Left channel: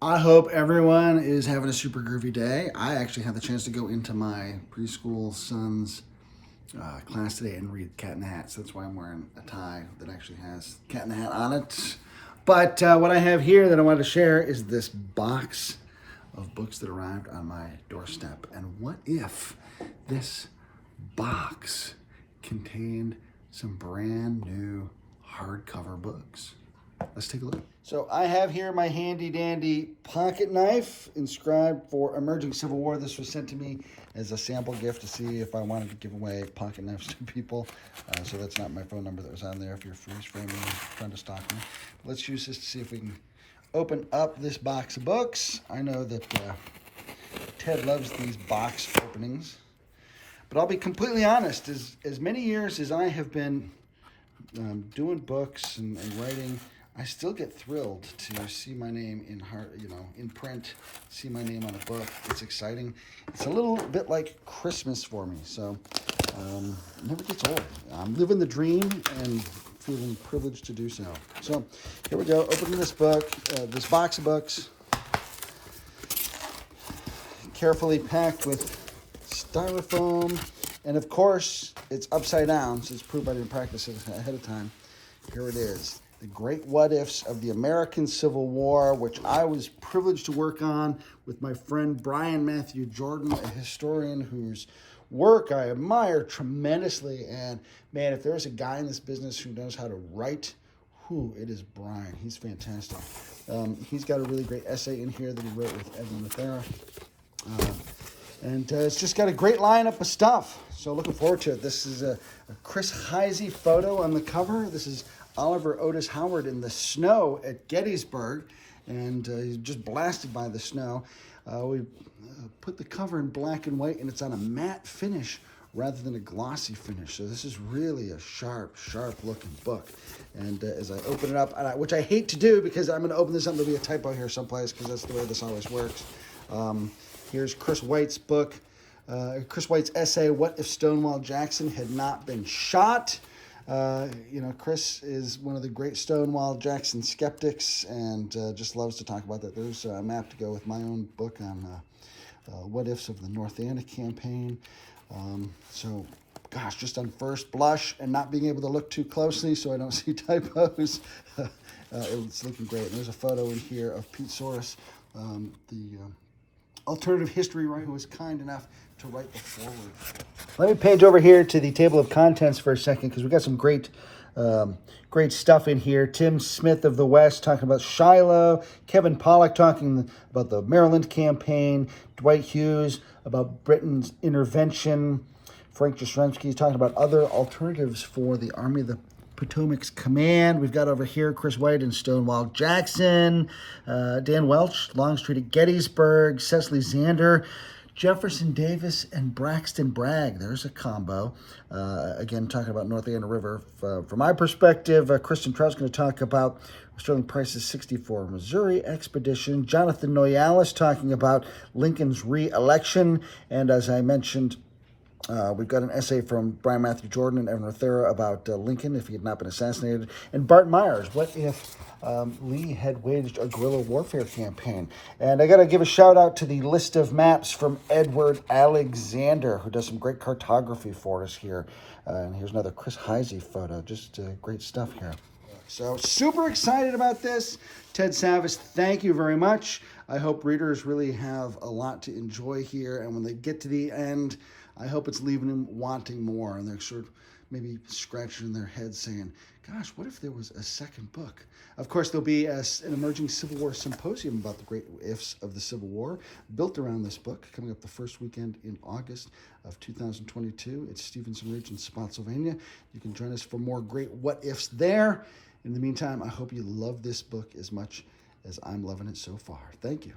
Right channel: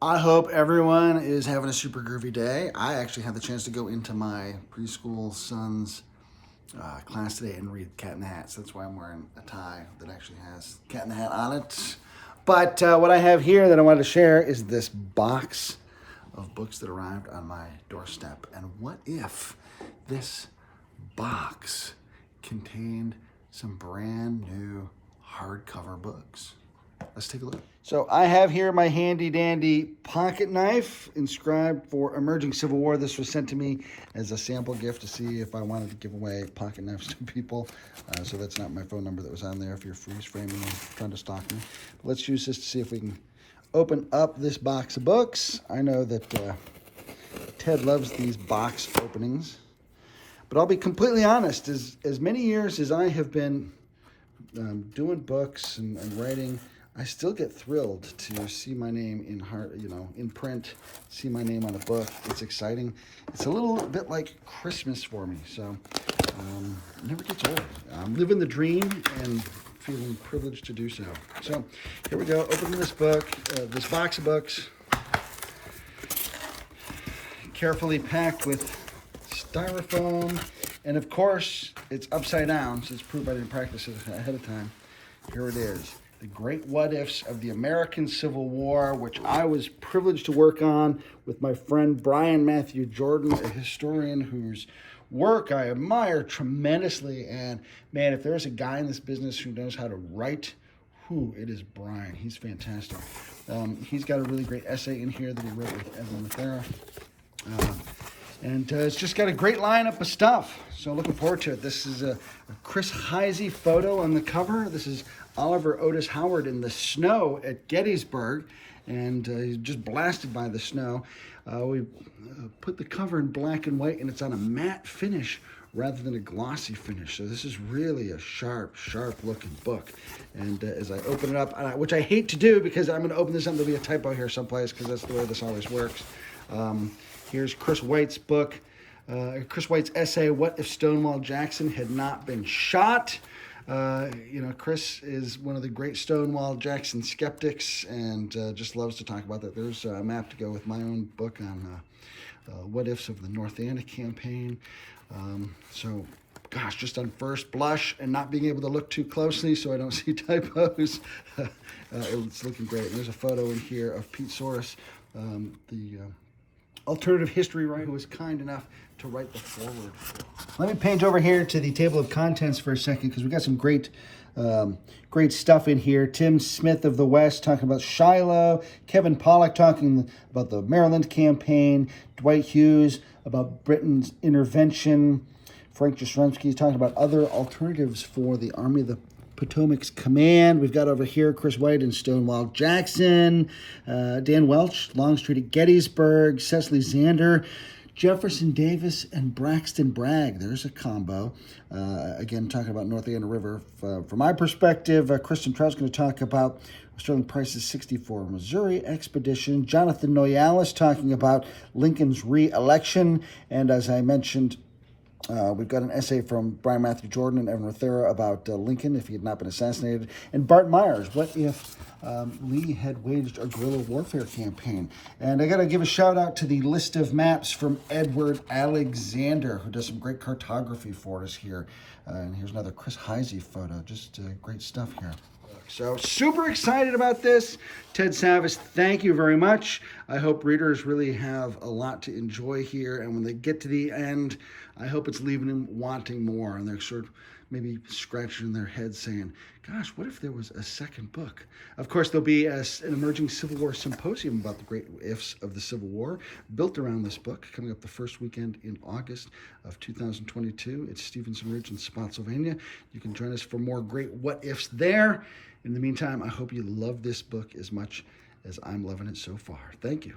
I hope everyone is having a super groovy day. I actually had the chance to go into my preschool son's class today and read Cat in the Hat. So that's why I'm wearing a tie that actually has Cat in the Hat on it. But what I have here that I wanted to share is this box of books that arrived on my doorstep. And what if this box contained some brand new hardcover books? Let's take a look. So I have here my handy dandy pocket knife inscribed for Emerging Civil War. This was sent to me as a sample gift to see if I wanted to give away pocket knives to people. So that's not my phone number that was on there if you're freeze framing and trying to stalk me. But let's use this to see if we can open up this box of books. I know that Ted loves these box openings. But I'll be completely honest, as many years as I have been doing books and writing, I still get thrilled to see my name in print, see my name on a book. It's exciting. It's a little bit like Christmas for me, so it never gets old. I'm living the dream and feeling privileged to do so. So here we go, opening this book, this box of books, carefully packed with styrofoam, and of course, it's upside down, so it's proved I didn't practice it ahead of time. Here it is. The Great What Ifs of the American Civil War, which I was privileged to work on with my friend Brian Matthew Jordan, a historian whose work I admire tremendously. And man, if there's a guy in this business who knows how to write, it is Brian. He's fantastic. He's got a really great essay in here that he wrote with Edwin Lethera. And it's just got a great lineup of stuff. So looking forward to it. This is a Chris Heisey photo on the cover. This is Oliver Otis Howard in the snow at Gettysburg, and he's just blasted by the snow. We put the cover in black and white, and it's on a matte finish rather than a glossy finish. So this is really a sharp looking book. And as I open it up, which I hate to do because I'm going to open this up, there'll be a typo here someplace because that's the way this always works. Here's Chris White's book, Chris White's essay, What If Stonewall Jackson Had Not Been Shot? Chris is one of the great Stonewall Jackson skeptics and just loves to talk about that. There's a map to go with my own book on what ifs of the North Anna campaign. So, gosh, just on first blush and not being able to look too closely so I don't see typos, it's looking great. And there's a photo in here of Pete Soros, the alternative history writer who was kind enough to write the foreword. Let me page over here to the table of contents for a second because we got some great stuff in here. Tim Smith of the West talking about Shiloh, Kevin Pollack talking about the Maryland campaign, Dwight Hughes about Britain's intervention, Frank Jastrzemski talking about other alternatives for the Army of the Potomac's command. We've got over here Chris White and Stonewall Jackson, Dan Welch, Longstreet at Gettysburg, Cecily Zander, Jefferson Davis, and Braxton Bragg. There's a combo. Again, talking about North Anna River. From my perspective, Kristen Trout's going to talk about Sterling Price's 64 Missouri expedition. Jonathan Noyalis talking about Lincoln's re-election. And as I mentioned, we've got an essay from Brian Matthew Jordan and Edwin Lethera about Lincoln if he had not been assassinated. And Bart Myers, what if Lee had waged a guerrilla warfare campaign? And I got to give a shout out to the list of maps from Edward Alexander, who does some great cartography for us here. And here's another Chris Heisey photo. Just great stuff here. So super excited about this. Ted Savas, thank you very much. I hope readers really have a lot to enjoy here. And when they get to the end, I hope it's leaving them wanting more. And they're sort of maybe scratching their heads saying, gosh, what if there was a second book? Of course, there'll be an Emerging Civil War symposium about the Great Ifs of the Civil War built around this book coming up the first weekend in August of 2022. It's Stevenson Ridge in Spotsylvania. You can join us for more Great What Ifs there. In the meantime, I hope you love this book as much as I'm loving it so far. Thank you.